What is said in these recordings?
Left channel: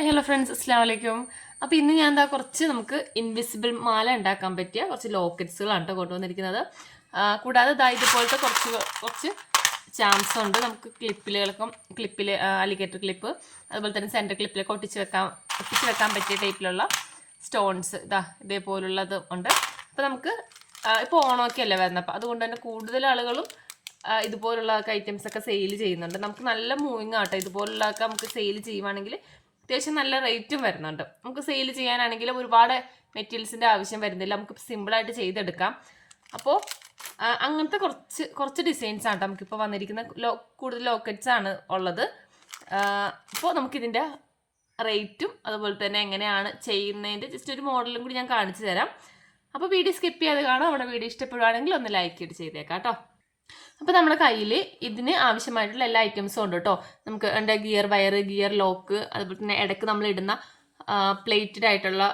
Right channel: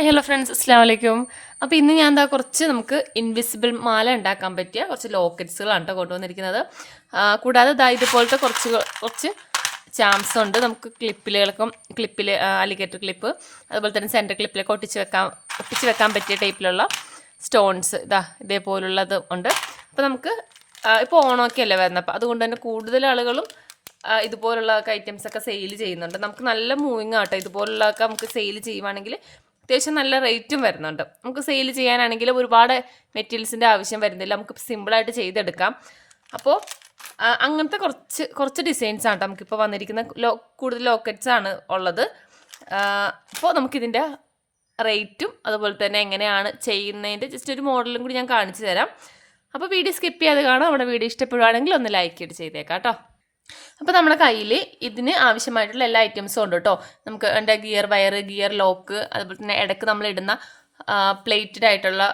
Hi hello friends, അസ്സാം വലൈക്കും. അപ്പോൾ ഇന്ന് ഞാൻ കുറച്ച് നമുക്ക് ഇൻവിസിബിൾ മാല ഉണ്ടാക്കാൻ പറ്റിയ കുറച്ച് ലോക്കറ്റ്സുകളാണ് കേട്ടോ കൊണ്ടുവന്നിരിക്കുന്നത്. കൂടാതെ ഇതുപോലത്തെ കുറച്ച് ചാംസ് ഉണ്ട്. നമുക്ക് ക്ലിപ്പിൽ അലിഗേറ്റർ ക്ലിപ്പ്, അതുപോലെ തന്നെ സെൻറ്റർ ക്ലിപ്പിലൊക്കെ ഒട്ടിച്ച് വെക്കാൻ പറ്റിയ ടൈപ്പിലുള്ള സ്റ്റോൺസ് ഇതേപോലുള്ളത് ഉണ്ട്. അപ്പോൾ നമുക്ക് ഇപ്പോൾ ഓണമൊക്കെ അല്ലേ വരുന്നത്, അപ്പോൾ അതുകൊണ്ട് തന്നെ കൂടുതൽ ആളുകളും ഇതുപോലുള്ള ഐറ്റംസ് ഒക്കെ സെയിൽ ചെയ്യുന്നുണ്ട്. നമുക്ക് നല്ല മൂവിങ് ആട്ടോ. ഇതുപോലുള്ളതൊക്കെ നമുക്ക് സെയിൽ ചെയ്യുവാണെങ്കിൽ അത്യാവശ്യം നല്ല റേറ്റും വരുന്നുണ്ട്. നമുക്ക് സെയിൽ ചെയ്യാനാണെങ്കിൽ ഒരുപാട് മെറ്റീരിയൽസിൻ്റെ ആവശ്യം വരുന്നില്ല, നമുക്ക് സിമ്പിളായിട്ട് ചെയ്തെടുക്കാം. അപ്പോൾ അങ്ങനത്തെ കുറച്ച് ഡിസൈൻസ് ആണ് നമുക്കിപ്പോൾ വന്നിരിക്കുന്ന കൂടുതൽ ലോക്കറ്റ്സ് ആണ് ഉള്ളത്. അപ്പോൾ നമുക്കിതിൻ്റെ റേറ്റും അതുപോലെ തന്നെ എങ്ങനെയാണ് ചെയ്യുന്നതിൻ്റെ ജസ്റ്റ് ഒരു മോഡലും കൂടി ഞാൻ കാണിച്ചു തരാം. അപ്പോൾ വീഡിയോ സ്കിപ്പ് ചെയ്യാതെ കാണാം. നമ്മുടെ വീഡിയോ ഇഷ്ടപ്പെടുവാണെങ്കിൽ ഒന്ന് ലൈക്ക് ചെയ്ത് ചെയ്തേക്കാം കേട്ടോ. അപ്പോൾ നമ്മുടെ കയ്യിൽ ഇതിന് ആവശ്യമായിട്ടുള്ള എല്ലാ ഐറ്റംസും ഉണ്ട് കേട്ടോ. നമുക്ക് എൻ്റെ ഗിയർ വയർ, ഗിയർ ലോക്ക്, അതുപോലെ തന്നെ ഇടയ്ക്ക് നമ്മൾ ഇടുന്ന പ്ലേറ്റഡ് ആയിട്ടുള്ള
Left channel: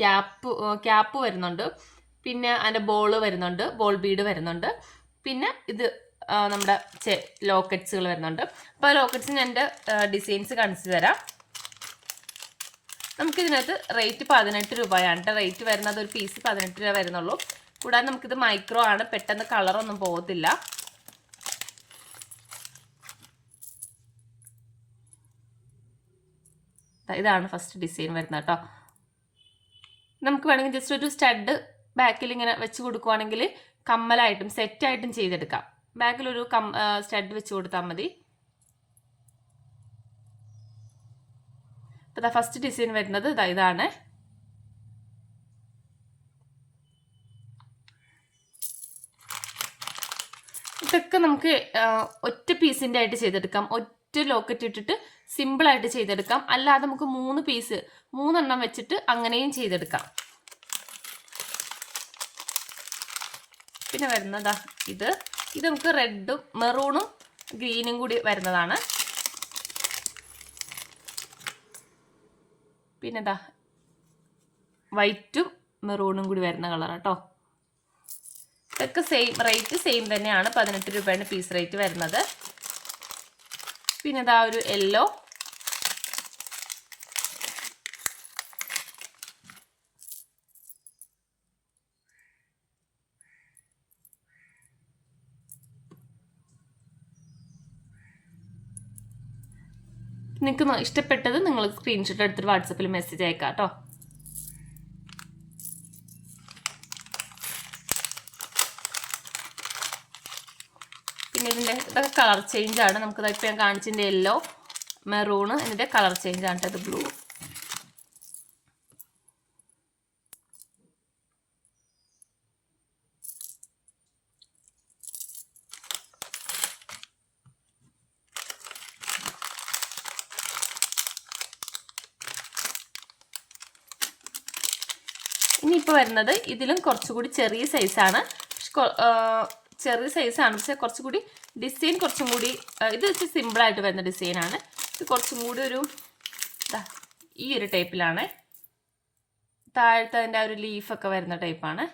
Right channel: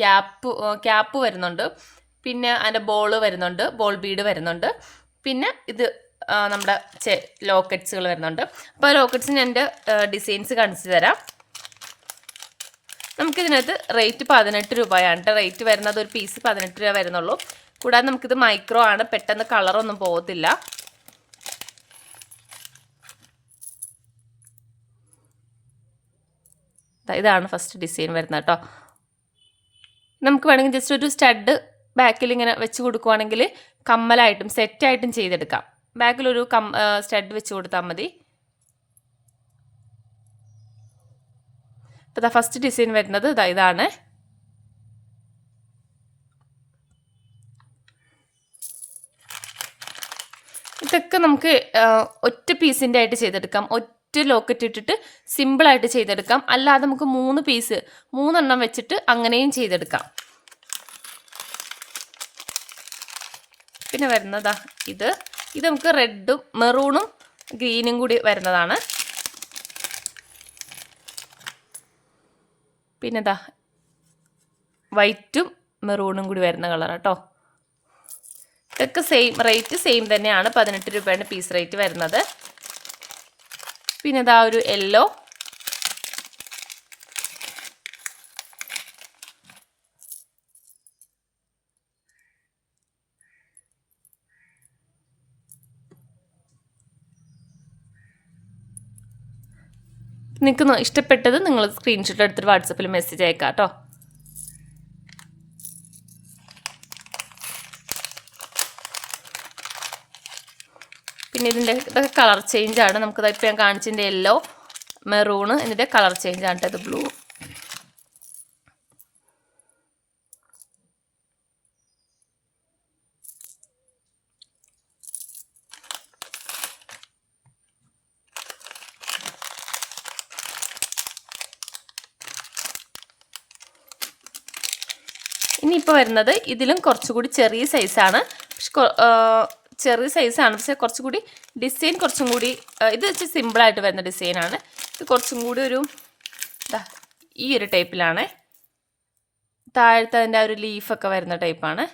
ക്യാപ്പ് വരുന്നുണ്ട്. പിന്നെ അതിൻ്റെ വരുന്നുണ്ട്, ബോൾ ബീഡ് വരുന്നുണ്ട്. പിന്നെ ഇത് നമ്മുടെ ലോക്കറ്റ്സുകൾ വരുന്നുണ്ട്. അപ്പോൾ ലോക്കറ്റ്സിന് എൻ്റെ ഡിസൈൻസ് കാണിച്ചു തരാം. നമുക്കിതിനകത്ത് റേറ്റ് 18 രൂപയാണ്. റേറ്റ് വരുന്നത് ഒരു പീസ് 18 രൂപ വരുന്നുള്ളൂ. കൂടാതെ നമുക്കിത് മൈക്രോ ആണ്, പെട്ടെന്ന് കളറൊന്നും പോകത്തില്ല. ഇതാണ് ഫസ്റ്റ് ഡിസൈൻ വരുന്നത് കേട്ടോ. നമുക്ക് വേണമെങ്കിൽ ജസ്റ്റ് ഒരു സ്റ്റഡ് ബാക്കിൽ ഇങ്ങനെ വെച്ച് കൊടുക്കുവാണെങ്കിൽ കമ്മലായിട്ടും സെറ്റായിട്ടും ചെയ്തെടുക്കാം. ബാക്കിലൊരു സ്റ്റഡ് വെച്ച് കൊടുത്താൽ മതി. അപ്പോൾ ഫസ്റ്റ് ഡിസൈൻ വരുന്നത് ഇതാണ്. ഇതൊക്കെ നമുക്ക് ഒറ്റ പീസിൻ്റെ ആയിട്ട് ചെയ്തെടുക്കാം. ലോക്കറ്റ് ഇട്ടിട്ട് സിമ്പിളായിട്ട് ചെയ്തെടുക്കാം. അല്ലാതെ നമുക്ക് 3 വെച്ചിട്ട് അങ്ങനെയും ചെയ്തെടുക്കാം. പിന്നെ വരുന്നതാ ഇത് നമുക്ക് റെഡും മെറൂണും ഗ്രീനും കൂടി വരുന്നതാണ്. പിന്നെ വൈറ്റും മെറൂണും കൂടി വരുന്ന കളറാണ് കേട്ടോ. ഇതൊക്കെ സെയിം തന്നെയാണ്. 18 രൂപയാണ് പീസ് റേറ്റ് വരുന്നത്. പിന്നെ ഒരു യെല്ലോ, നിങ്ങൾക്ക് ഇഷ്ടപ്പെട്ടത് നിങ്ങൾ സ്ക്രീൻഷോട്ട് എടുത്തിട്ട് വാട്സപ്പിൽ മെസ്സേജ് അയക്കാം കേട്ടോ. പിന്നെ ഇതൊക്കെ കളർ ചേഞ്ച് ആണ്. നമുക്കത് ഇപ്പോൾ ഞാൻ കാണിച്ചതിൻ്റെ യെല്ലോ, മെറൂണ്, ഇതിൻ്റെ കളർ ചേഞ്ച് ആണ് ഇത് ബ്ലൂ. ഇനിയിപ്പോൾ വരുന്നത് ഇതിലും കുറച്ചുകൂടി ചെറിയ സൈസാണ്. ചെറിയ സൈസാണ്, പക്ഷേ കുറച്ചുകൂടി ഡിസൈൻ കുറച്ചും കൂടി ഇത് വെച്ച് സിമ്പിളായിട്ട് വരുന്ന ഡിസൈനാണ്. ഇത് കുറച്ചും കൂടി ഈ ഒരു ടൈപ്പിലാണ്. താഴത്തെ അതിൻ്റെ ഒരു ലീഫൊക്കെ വരുന്ന ടൈപ്പാണ്.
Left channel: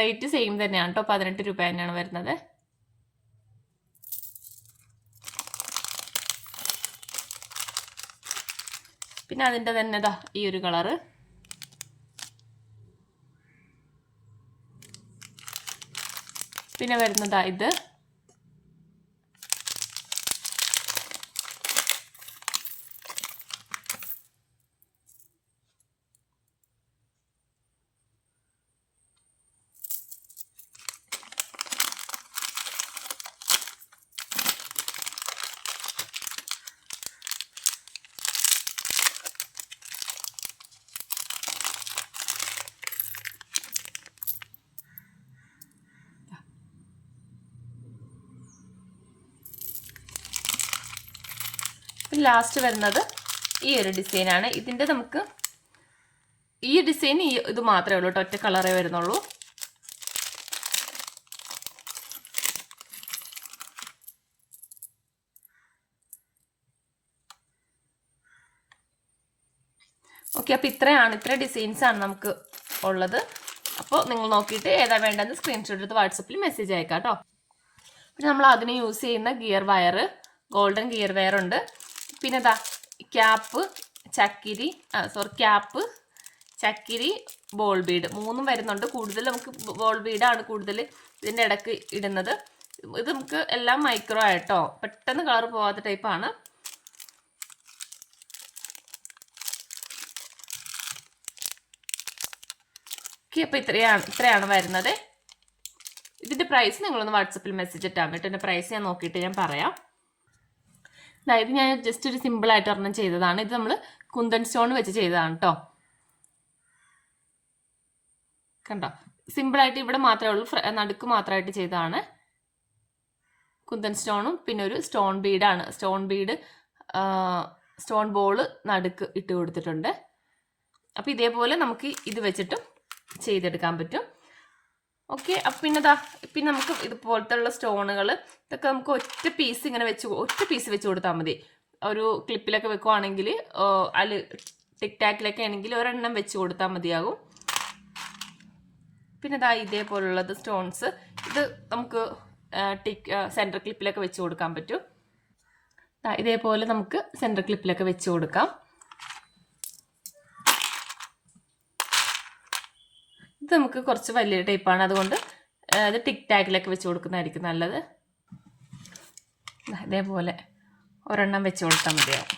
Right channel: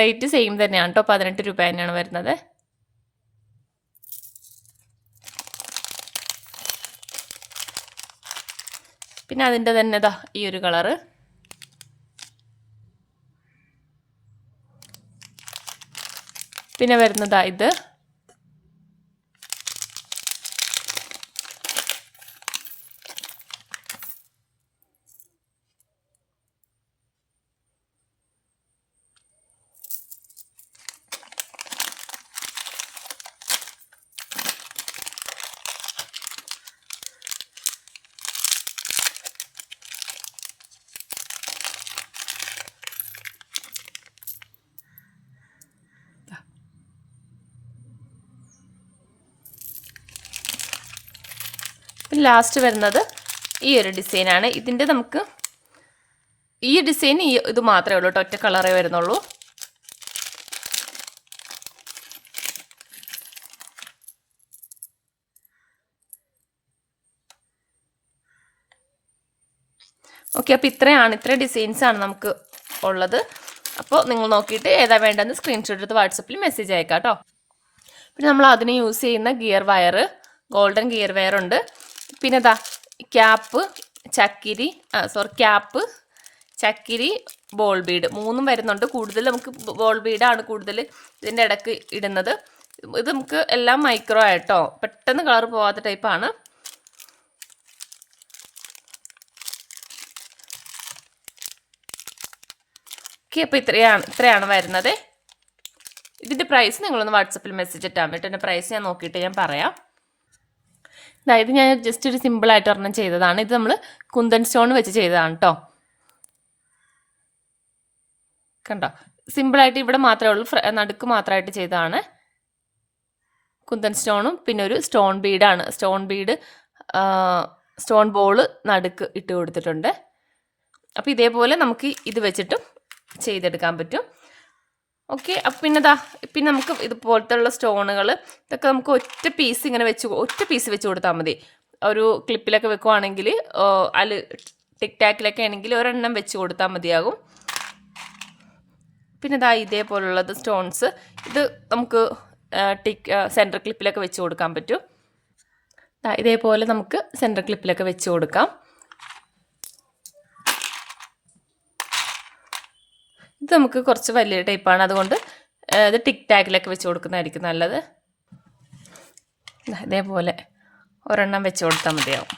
റേറ്റ് സെയിം തന്നെയാണ് കേട്ടോ. 18 രൂപ തന്നെയാണ് വരുന്നത്. പിന്നെ അതിൻ്റെ തന്നെ ഈ ഒരു കളറ്. പിന്നെ വരുന്നതാ ഇത്. ലാസ്റ്റ് വരുന്നത് ഈ ഒരു ഡിസൈനാണ്. ഇതിൻ്റെ നമുക്ക് ഈ ഡിസൈൻ ഇത് മാത്രമേ ഉള്ളൂ കേട്ടോ, ഒറ്റ കളറേ വരുന്നുള്ളൂ. ഓക്കെ, അപ്പോൾ ഇത്ര ഡിസൈൻസാണ് നമുക്ക് ഉള്ളത്. അപ്പോൾ നിങ്ങൾ നോക്കിയിട്ട് ഏതാ വേണ്ടതെന്ന് സ്ക്രീൻഷോട്ട് എടുത്ത് വാട്സപ്പിൽ മെസ്സേജ് അയക്കാം കേട്ടോ. പിന്നെ നമ്മൾ അതിന് യൂസ് ചെയ്യുന്ന gear wire, golden gear wire ഉണ്ട്. പിന്നെ ഇതാ ക്യാപ്പ്, ചക്കിരി ക്യാപ്പ്, ചക്കിരി, ബോൾ ബീഡ് 3 വരുന്നുണ്ട്. കൂടുതൽ നമുക്ക് ബോൾ ബീഡാണ് കൂടുതൽ ഇതിൻ്റെ ഇടയ്ക്ക് ഇടുന്നത്. ഇത് നമുക്ക് എല്ലാം മൈക്രോ ആയിട്ടോ, പെട്ടെന്ന് കളർ പോകാത്ത ടൈപ്പാണ്. ഓക്കെ, അപ്പോൾ ഇത്രയാണ് വരുന്നത്. ഇതിൻ്റെ പ്രൈസ് നിങ്ങളൊന്ന് വാട്സപ്പിൽ മെസ്സേജ് ഇട്ടാൽ മതി. ഇതിൻ്റെ പ്രൈസ് ഞാൻ നോക്കിയിട്ട് ഞാൻ പറയാം. അതായത് ഞാൻ ജസ്റ്റ് ഒരു സിമ്പിളായിട്ട് ഒരെണ്ണം ചെയ്തതാണ്. ഇത് നമ്മൾ കുന്തൻ സ്റ്റോൺ വെച്ച് ചെയ്തതാണ് കേട്ടോ. കണ്ടോ, സിമ്പിളായിട്ട് ഇവിടെ മാത്രമേ ഉള്ളൂ, നടുക്ക് മാത്രമായിട്ട് ചെയ്തതാണ്. കുന്തൻ സ്റ്റോണും പിന്നെ ഒരു സ്റ്റോൺ ബീഡാണ്. സ്റ്റോൺ ബോള് നടുക്ക് ഇട്ട് കൊടുത്തിട്ടുണ്ട്. അപ്പോൾ ഇതേപോലെ നമുക്ക് ഇത് വെച്ചിട്ടും ചെയ്തെടുക്കാൻ പറ്റും. ഓക്കെ, അപ്പം പിന്നെ നമുക്ക് ഇതുപോലത്തെ ഉള്ള സ്റ്റോണുകൾ ഇതൊക്കെ നമുക്ക് ഒറ്റ പീസ് വെച്ച് കൊടുത്താൽ മതി. ഒരു ക്ലിപ്പിലൊക്കെ വെക്കുവാണെങ്കിൽ, അതിൽ ടിക് ടാക്കിലൊക്കെ ആണെങ്കിൽ ഒരെണ്ണം വെച്ച് കൊടുത്താൽ മതിയാകും. പിന്നെ ഇതേപോലുള്ളത് സ്റ്റോൺസ്, ഇത് നമുക്ക് സെൻറ്റർ ക്ലിപ്പിലൊക്കെ വെച്ച് കൊടുക്കാൻ പറ്റും. ഇതേപോലെ നമുക്ക് സെൻറ്റർ ക്ലിപ്പിലൊക്കെ വെച്ച് കൊടുക്കാം. ഇത് നമുക്ക് കുറച്ച് വലിയ ടൈപ്പാണ്, അതുകൊണ്ട് ഇത് ടിക് ടാക്കിലൊക്കെ വെച്ച് കൊടുക്കുന്നതായിരിക്കും നല്ലത്. ഇതേപോലെ ഒരെണ്ണം വെച്ച് കൊടുത്താൽ മതിയാവും.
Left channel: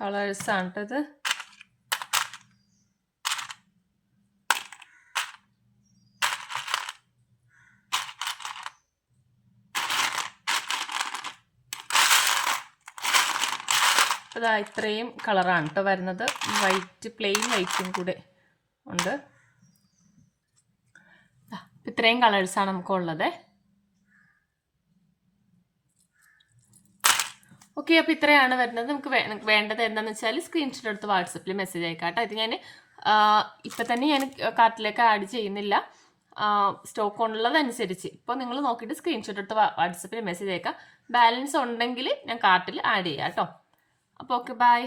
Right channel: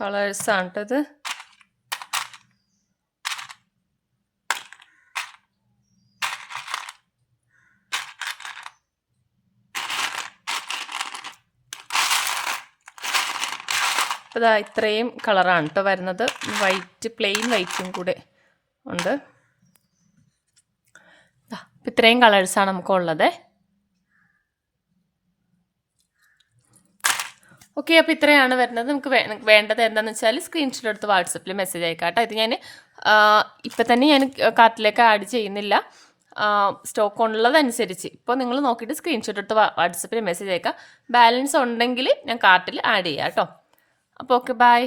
കളേഴ്സാണ് കേട്ടത്. അപ്പോൾ ഇത്രയും കളറാണ് കേട്ടോ വരുന്നത്. പ്ലെയിൻ വൈറ്റും കൂടെ ഉണ്ട്. ഇത്രയും കളേഴ്സാണ് നമുക്കുള്ളത്. ഓക്കെ, അപ്പോൾ ഇത്രയാണ് വരുന്നത്. നമുക്ക് വേണ്ടത് എന്താണെന്ന് വെച്ചാൽ സ്ക്രീൻഷോട്ട് എടുത്ത് വാട്സപ്പിൽ മെസ്സേജ് അയക്കാം കേട്ടോ. ഇത് ഞാൻ ഇപ്പം തന്നെ ഞാൻ കാർട്ടിലേക്ക് ആഡ് ചെയ്യുന്നില്ല, സ്റ്റോക്ക് ഉള്ളതനുസരിച്ച്. ഇപ്പോൾ നിങ്ങൾ നോക്കിയിട്ട് സ്ക്രീൻഷോട്ട് എടുത്ത് വാട്സപ്പിൽ മെസ്സേജ് അയക്കാം. ബാലൻസ് ഉണ്ടെങ്കിൽ ഞാൻ കാർട്ടിൽ ആഡ് ചെയ്യാം കേട്ടോ. അപ്പോൾ ഓക്കെ, ബൈ.